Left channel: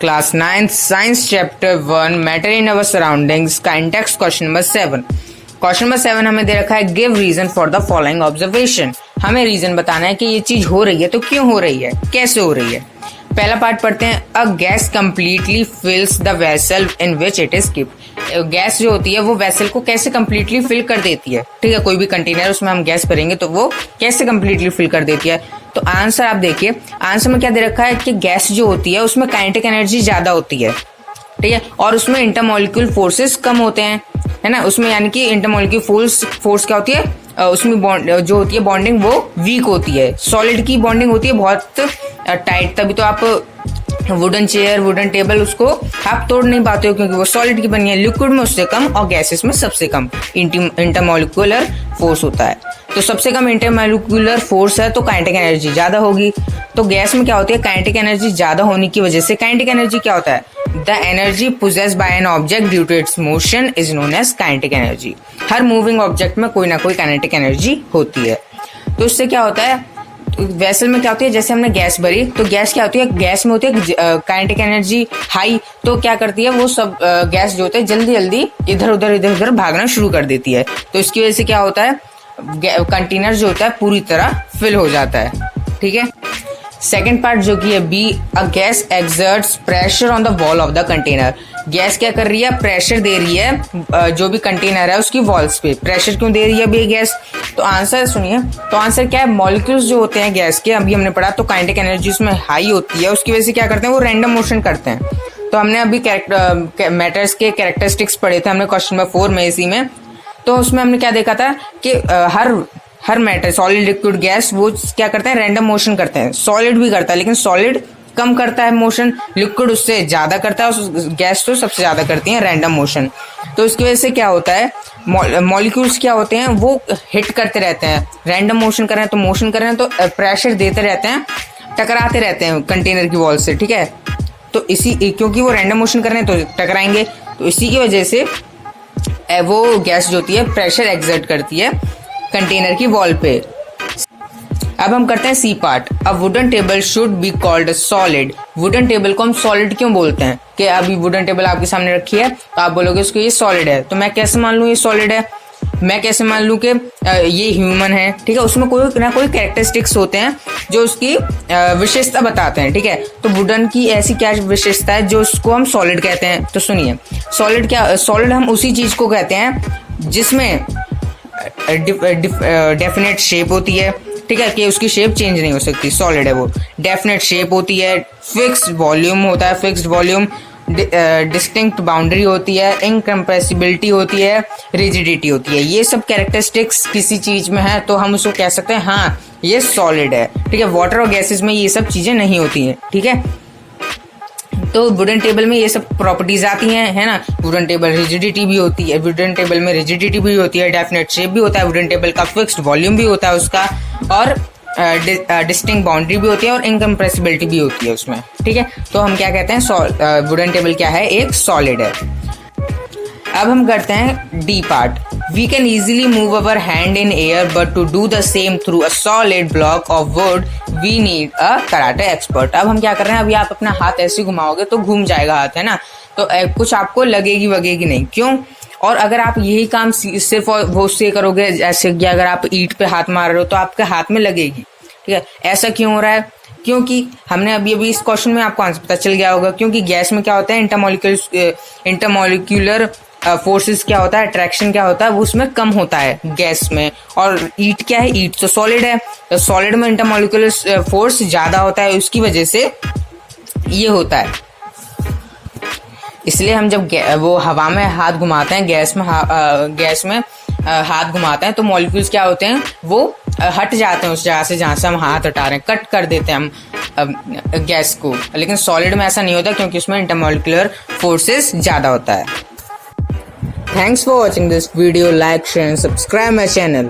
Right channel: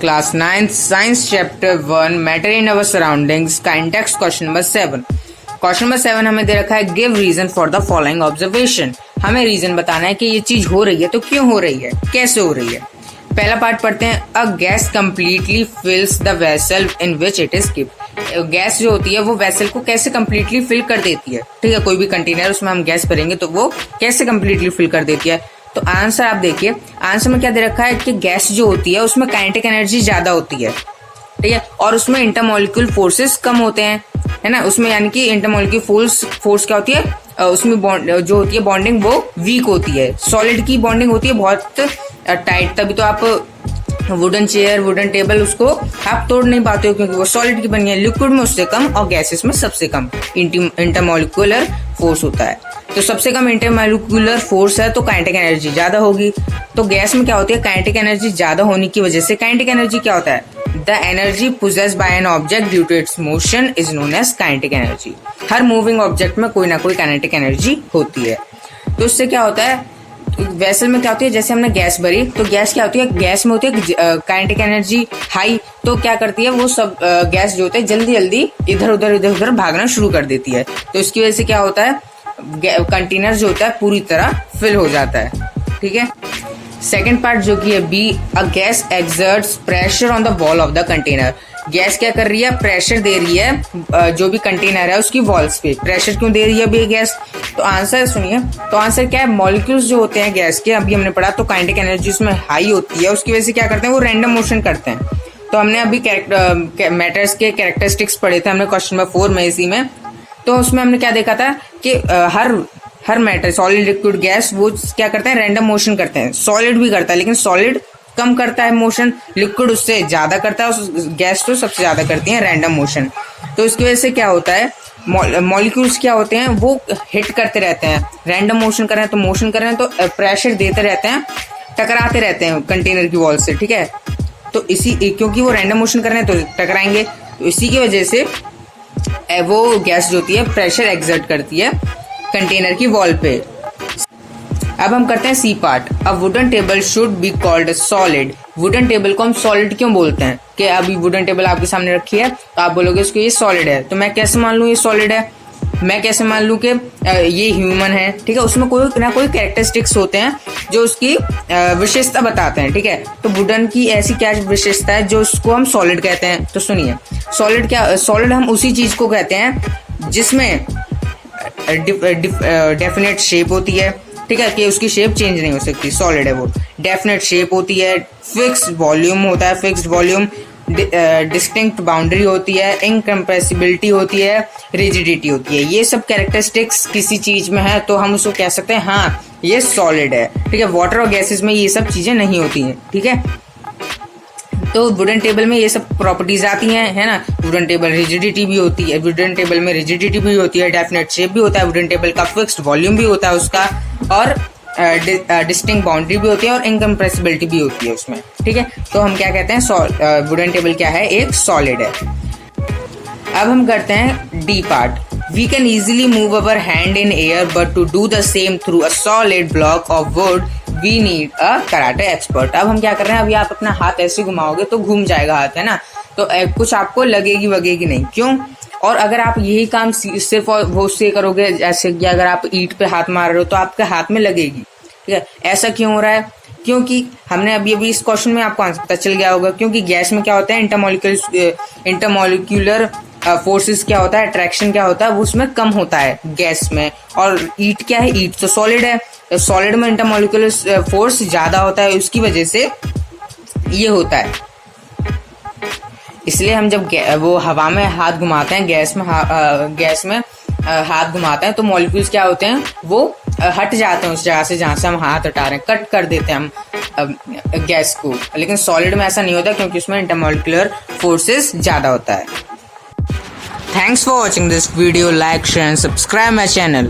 Class 9th science chapter 1 matter in our surroundings context question number 7। Question number 7 हमें दे रखा है give reason for the following observation. हमें reason बताना है कि ये चीज हो रही है तो क्यों हो रही है, कैसे हो रही है। पहला पार्ट पढ़ते हैं। A gas completely फिल्स the vessel in which it is keeped. Gas जो होती है वो वेसल को कैसे कंप्लीटली फिल कर देती है। ठीक है, कोई भी कंटेनर उसमें हम गैस भरेंगे तो वो कैसे कंप्लीटली फिल कर देती है। तो आंसर आप देखिए, आंसर में क्या दे रखा है कि गैस जो होती है उसमें काइनेटिक एनर्जी ज्यादा होती है। ठीक है, और उसमें इंटरमॉलिक्यूल फोर्सेस कम होते हैं, है ना। उसमें यानी कि इंटरमॉलिक्यूल फोर्स क्या होती है, उसमें बॉन्ड जो होती है बॉन्डिंग वो वीक होती है। सॉलिड की बॉन्डिंग होती है बहुत टाइट, तभी तो आप वुडन चेयर वुडन टेबल उसको आप तोड़ नहीं पाते हो क्योंकि वो सॉलिड की बनी है। लिक्विड में उससे कम और गैसेस में सबसे कम इंटरमॉलिक्यूलर फोर्स होता है। तो सबसे कम इंटरमॉलिक्यूलर फोर्स है तो काइनेटिक एनर्जी ज्यादा होगी। तो गैस में क्या होती है, काइनेटिक एनर्जी ज्यादा होने की वजह से काइनेटिक एनर्जी क्या होता है, the energy possessed by an object due to its motion is known as kinetic energy. हर मूविंग ऑब्जेक्ट में कोई ना कोई काइनेटिक एनर्जी होती है। तो उससे क्या होता है, वेसल में क्या होती है, जैसे हमने गैस भरी तो गैस क्या होती है, गैस में होती है काइनेटिक एनर्जी हाई, तो क्या करती है वो सब गैस जो होता है जल्दी जल्दी इधर उधर भागना शुरू कर देती है। तो इसकी वजह से क्या होता है, कंटेनर जो होता है पूरी तरह फिल हो जाता है। ठीक है, सेकेंड पार्ट जो कि है B, a gas exerts pressure on the wall of the container. Gas क्या कर रही है, प्रेशर दे रही है जो भी कंटेनर है उसकी वॉल्स पे। प्रेशर क्यों दे रही है अभी गैस, तो आंसर सुनिए। तो आंसर क्या है, मॉलिक्यूल्स जो होते हैं गैस के, अभी हमने पढ़ा तो काइनेटिक एनर्जी उसमें हाई होती है, उसकी वजह से क्या करते हैं वो रैंडम मोशन करते हैं। तो हमने अभी मैटर्स के कैरेक्टरिस्टिक्स पढ़े थे हमने क्वेश्चन नंबर 4 में, इसी में। तो उसमें हमने क्या देखा था कि हर मैटर सॉलिड लिक्विड गैस वो क्या करता है, रैंडम मोशन करते हैं। सॉलिड भी करता है लेकिन सॉलिड कम करता है मोशन, लिक्विड उससे ज्यादा करता है, गैस तो सबसे ज्यादा करती है रैंडम मोशन। तो इसकी वजह से क्या होता है, मॉलिक्यूल्स क्या होते हैं वो हिट करते रहते हैं, रैंडम मोशन कर रहे हैं तो मोशन कर रहे हैं तो प्रेशर देते रहते हैं, टकराते रहते हैं कंटेनर की वॉल से। ठीक है, तो इसी क्योंकि वो रैंडम मोशन कर रहे हैं तो टकराएंगे, तो इसी की वजह से वो गैस जो होती है प्रेशर एक्सर्ट करती है कंटेनर की वॉल पे। अब हम करते हैं C part. A wooden table should be called solid. Wooden table को हम सॉलिड क्यों बोलते हैं, कि अभी वुडन टेबल आपके सामने रखी है तो आप बोलोगे इसको ये सॉलिड है, तो मैं कैसे मान लूं ये सॉलिड है, मैं कैसे मान लूं कि ये ह्यूमन है। ठीक है, उसमें कोई ना कोई कैरेक्टरिस्टिक्स होते हैं जो उसकी विशेषता बताते हैं। ठीक है, तो वुडन की ऐसी क्या विशेषता है जो उसको हम सॉलिड कहते हैं। तो सुनिए, सॉलिड क्या, सॉलिड हम उसी चीज को कहते हैं जिसमें डेफिनेट शेप होती है। ठीक है, कि उसकी शेप चेंज नहीं हो सकती, सॉलिड है वो। डेफिनेट शेप होती है, फिक्स्ड वॉल्यूम होता है, फिक्स्ड वॉल्यूम, डिस्टिंक्ट बाउंड्री होती है, इनकम्प्रेसिबिलिटी होती है, रिजिडिटी होती है। ये सब कैरेक्टरिस्टिक्स किसी चीज में है तो हम उसको कह सकते हैं हाँ ये सॉलिड है। ठीक है, वाटर और गैसेस में ये सब चीजें नहीं होती हैं। ठीक है, तो वुडन टेबल में ये सब प्रॉपर्टीज आती हैं, है ना। वुडन टेबल रिजिडिटी भी होती है, वुडन टेबल में रिजिडिटी भी होती है, डेफिनेट शेप भी होता है वुडन टेबल का, फिक्स्ड वॉल्यूम भी होता है उसका, और डिस्टिंक्ट बाउंड्री भी होती है और इनकम्प्रेसिबिलिटी भी होती है उसमें। ठीक है, तो हम क्या कहते हैं, वुडन टेबल क्या है, एक सॉलिड है। अब हम करते हैं D part. We can easily move our hand in air but to do the same through a solid block of wood we need a karate expert. अब हम क्या कर रहे हैं, अभी आप अपना हाथ ऐसे घुमाओगे तो घूम जाएगा हाथ, है ना, तो कुछ आपको लगेगी वगेगी नहीं, क्यों। और अगर आप यही काम सिर्फ वो से करोगे, जैसे कि अगर आप ईंट पे हाथ मार रहे हो तो आपके हाथ में लगेगी। ठीक है, ऐसा क्यों हो रहा है, क्योंकि हमने अभी इस क्वेश्चन में आपको आंसर पता चल गया होगा, क्योंकि गैस में क्या होता है, इंटरमॉलिक्यूलर फोर्सेस क्या होता है, अट्रैक्शन क्या होता है वो उसमें कम होता है गैस में। और ईंट क्या है, ईंट तो सॉलिड है, तो सॉलिड में इंटरमॉलिक्यूलर फोर्स ज्यादा होता है, उसकी वजह से ये होता है। इसलिए हम जब वो हवा में हाथ घुमाते हैं, गैस में हाथ घुमाते हैं तो मॉलिक्यूल्स क्या होते हैं वो हट जाते हैं उस जगह से जहां से हम हाथ हटा रहे हैं, कट कर देते हैं हम गैस को। लेकिन सॉलिड में ऐसा नहीं होता क्योंकि उसमें इंटरमॉलिक्यूलर फोर्सेस ज्यादा होता है। Thanks for watching this video. Like, share and subscribe my channel.